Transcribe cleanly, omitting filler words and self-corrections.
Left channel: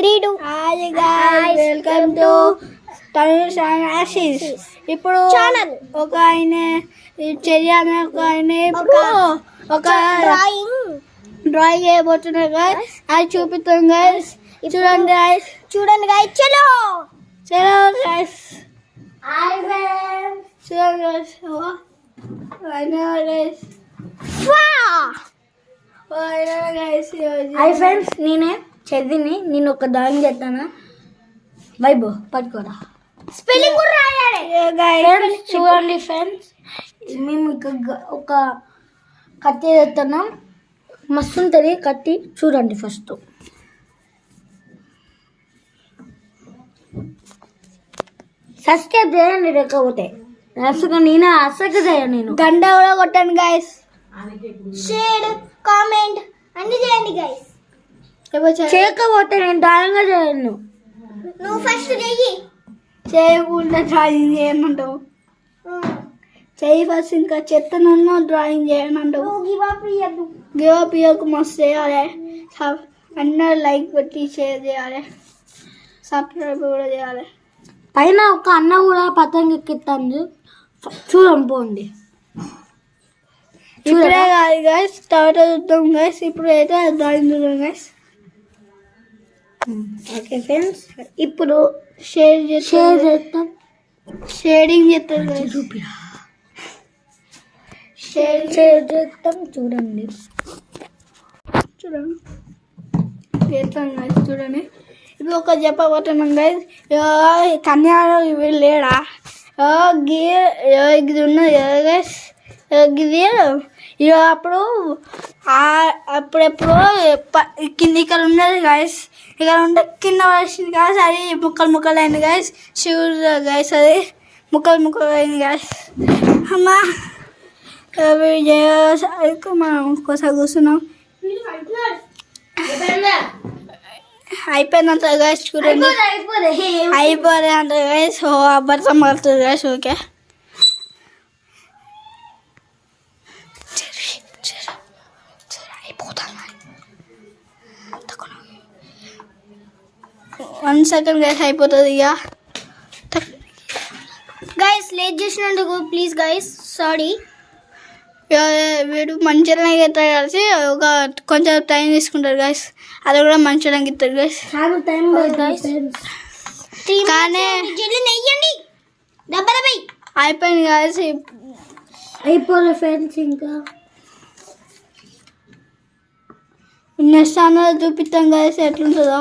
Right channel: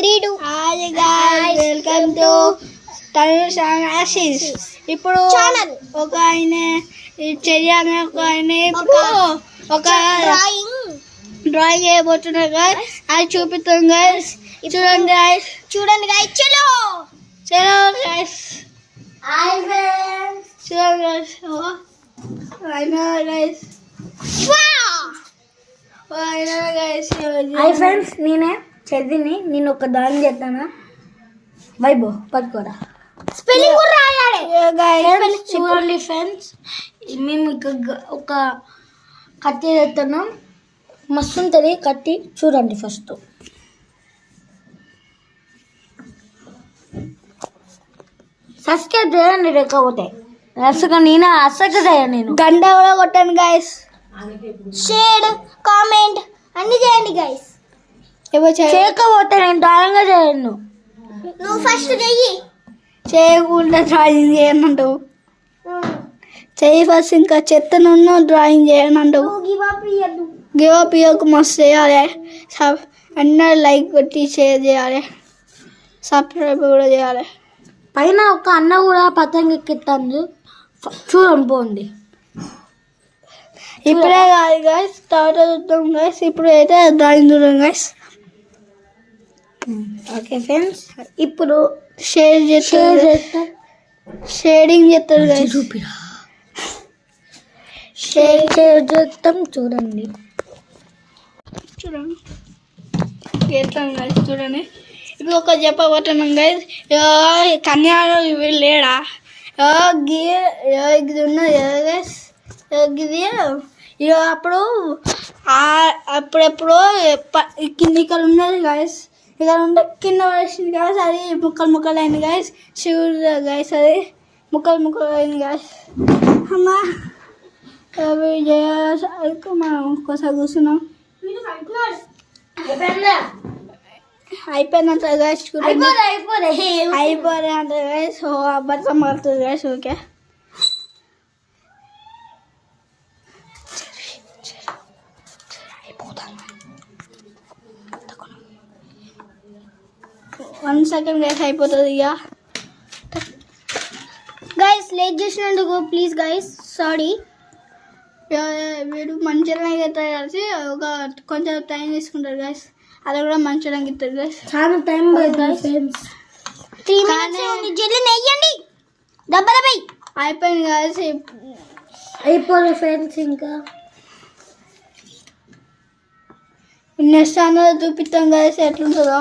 3 2 hi guys welcome to Tanush and Ashish. ఇప్పుడు ఒక ఆయన చెయ్యి అనే ఒక ఆయన ఇప్పుడు ఒక డ్రాయింగ్ చేయబోతున్నారు గైస్. అది చూపిస్తాం గైస్. చూడండి గైస్, చూడండి గైస్. చలో చలో గైస్, హాయ్ ఫ్రెండ్స్. చూడండి గైస్. అయినా గైస్, హాయ్ ఫ్రెండ్స్, నేనే చదివిని నేను ఒక డ్రాయింగ్ చేస్తానా. వైబో పట్టుకోరా, స్పెల్లింగ్ కూడా రాయాలి. చూడండి ఫ్రెండ్స్, మేము ఒక కత్తి చేస్తున్నాం. మస్తు ఉంటుంది కత్తి. చూడండి ఫస్ట్. సబ్స్క్రైబ్ చేయండి, లేకపోతే అసలు నేను గంట కూడా కొట్టాను గైస్. షేర్ కామెంట్ అన్ని చేయండి గైస్. చేయకపోతే నేను డ్రాయింగ్ చేయను. నువ్వు ఫస్ట్ చెయ్యి. చేయకుండా డ్రాయింగ్ చేయనంటావు. చెయ్యి ఫస్ట్. ఇంకా చెత్త నుండి డ్రాయింగ్ చేయనంటావు. గివ్ అప్ ఇవ్వకు. మస్తు చేయాలి. అందరూ లైక్ కొట్టి షేర్ చేయాలి. సబ్స్క్రైబ్ కూడా చేయాలి. పైన ఒక అన్న కూడా పతంగ ఎక్కిస్తాను. చూడండి పోండి. ఇప్పుడే కాదు గైస్, తర్వాత చూద్దాం గైస్. ఇప్పుడు అయితే డ్రాయింగ్ చూద్దాం గైస్. ఓకే ఫ్రెండ్స్, ఇప్పుడు షేర్ చేస్తాం. షేడింగ్ చేస్తారు గైస్. చూపిరా. షేర్ చేస్తాం. చూడండి చూడండి చేస్తాం గైస్. చూడండి ఇప్పుడు ఒక చెప్పబోతున్నాం గైస్. కన్యాలో లేడా ఇది ఉన్నది కదా గైస్. ఇది అప్పుడు అప్పుడెప్పుడు కింద ఇక్కడ ఉన్నది గైస్. ఇక్కడ ఉంటే కింద వేసింది గైస్. అది ముక్కలు అయింది గైస్. శివుడు గైస్, అది ముక్కలు అయింది గైస్. అమ్మా మనం ఒక్కోసారి కూర్చున్నాం. అయిపోయినంత గైస్. చూడండి అయిపోలే అంత గైస్. అబ్బర్థం పడుతుంది guys. Okay, one second guys అయిపోతుంది. ఇక గైస్ లేట్ చేసినందుకు ప్లీజ్ గైస్, సారీ. వీడు మంచిగా ఇస్తారు కలిసి ఒక కొంచెం టైం తీసుకుంటారు గైస్. అది కూడా మంచిగా ఇస్తారు గైస్. చాలా టైం కానీ డబ్బలపై అయిపోయింది గైస్. అయిపోలే ఫ్రెండ్స్. ఇంకా నెక్స్ట్ అన్నది చూపిస్తాం గైస్ ఎట్లుంటుందో.